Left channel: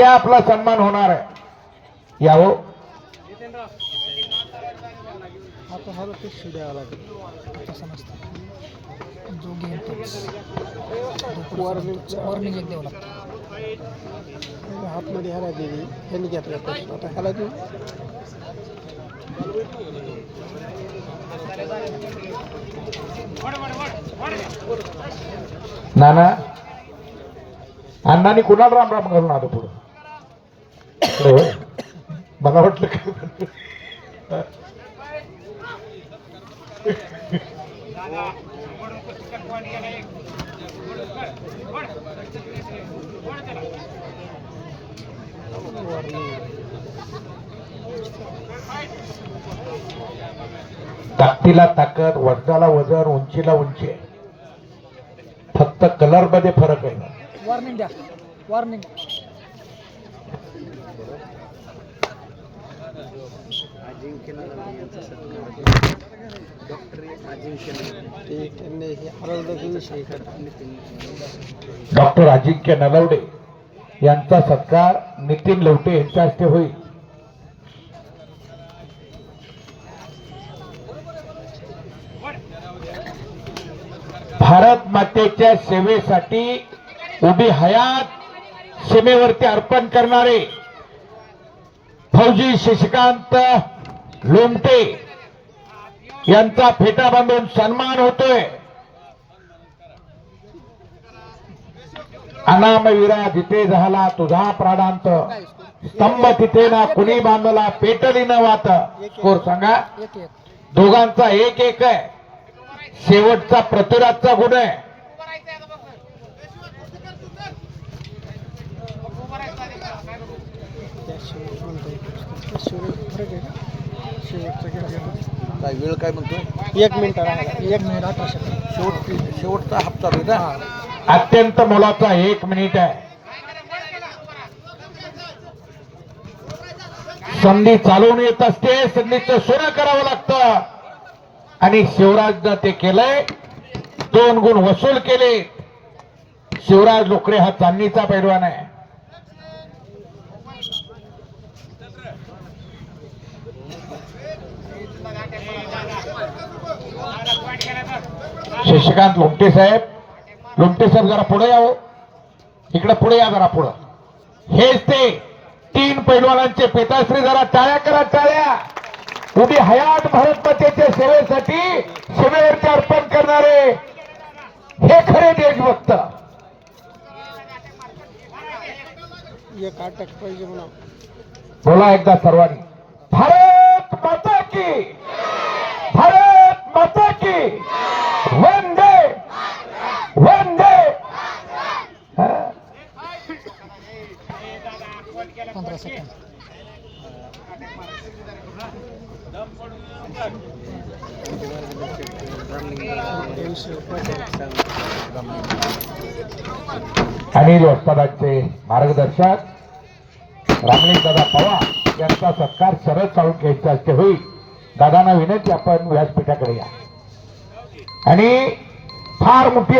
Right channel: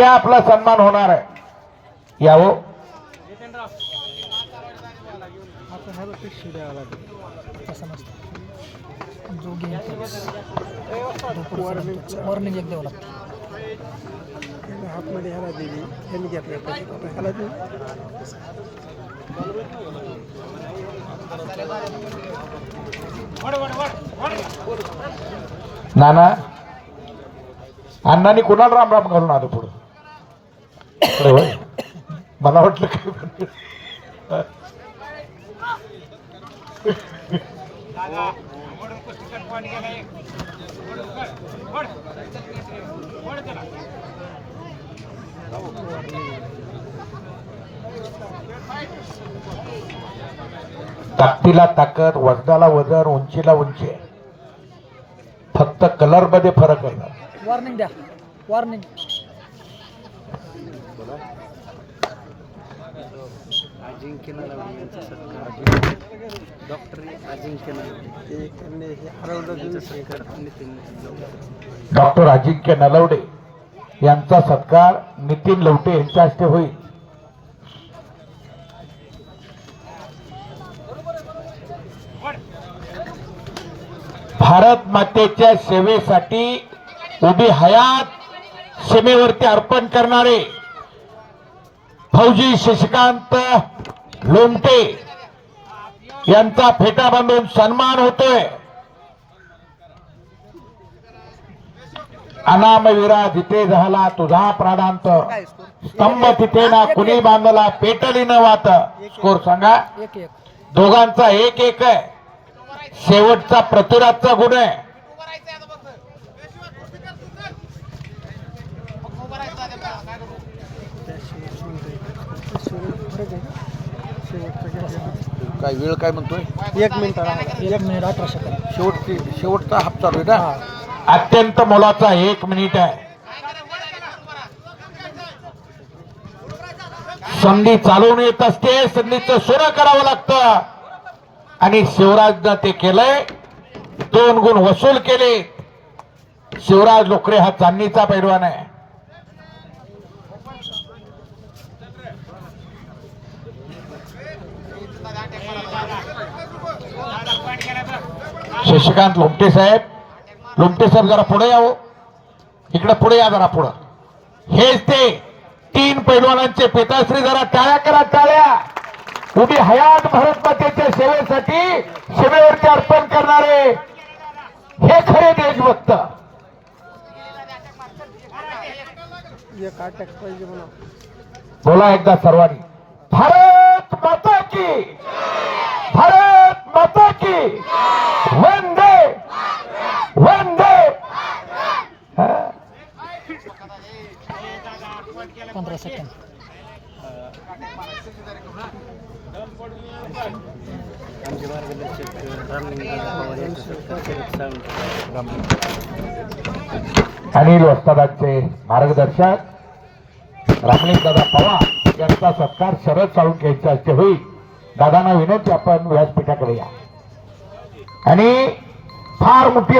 आपला सन्मान होणार आहे। यावं आता हा ते शिड्यावा लागेल तसं नसतं जो गेम वॉर्निंग एक द्यावं लागतं हातमध्ये ह्याला दिली ह्यांनी घेतल्या आता ह्याला देऊ नाना अण्णांनी कुणाला राम राम घालून आलो पुढं मला वाटलं की ताकदीला ताकद, वजनाला वजन, उंचीला उंची, फक्त कलर मध्ये फरक आहे। वॉर्निंग द्या वॉर्निंग डॉक्टर अजिंक्य नलवडे यांचा सत्कार नितीन लवटे यांच्या हस्ते होईल। भारत मातेच्या सेवेसाठी उभी हयात सीमेवरती अर्पण करणारे फौजी शशिकांत लोमटे यांचा फेटा बांधून सन्मान होतोय। अनामवीरा जिथे झाला तुझा प्राणांत, स्तंभ तिथे ना कुणी बांधला पेटली न वात। स्कोर सांगा। दोघांचा 1-1 आहे। शेवटचा पृथ्वीराजचा गुण आहे। काय वेळ काय म्हणतोय 1 मिनिट राहिला 1 मिनिट 18 सेकंद शेवटचा हप्ता बेटा अत्यंत मोलाचा 1 मिनिट आहे। संधी चालवून येत असते, संधीचं सोनं करावं लागतं आणि शिवराजनं ते केलंय। 2 गुण वसूल केले। शिवराज लोकरे हा चांदणीचा पैलवान आहे। शशिकांत लोमटे साहेब जरा पुढे यावं, इकडे पुढे या जरा पुढं। हेच ते 3 पैलवानांचे पिताश्री, जरा टाळ्या करा टाळ्या। उभी हयात भारत मातेच्या सेवेसाठी शिमेवरती अर्पण करणारे हे खरे देशभक्त। एक अटक पाहिजे म्हणा। बोला एकदा सर्वांनी, भारत माता की, भारत माता की, वंदे वंदे। 15 सेकंद अनिल वस्तादाचे मार्गदर्शक रामलिंगदादा पवार यांचा सत्कार शरद साळुंखे यांच्या हस्ते होईल। दादांना विनंती, आपण व्यासपीठाकडे या आणि फार मोठी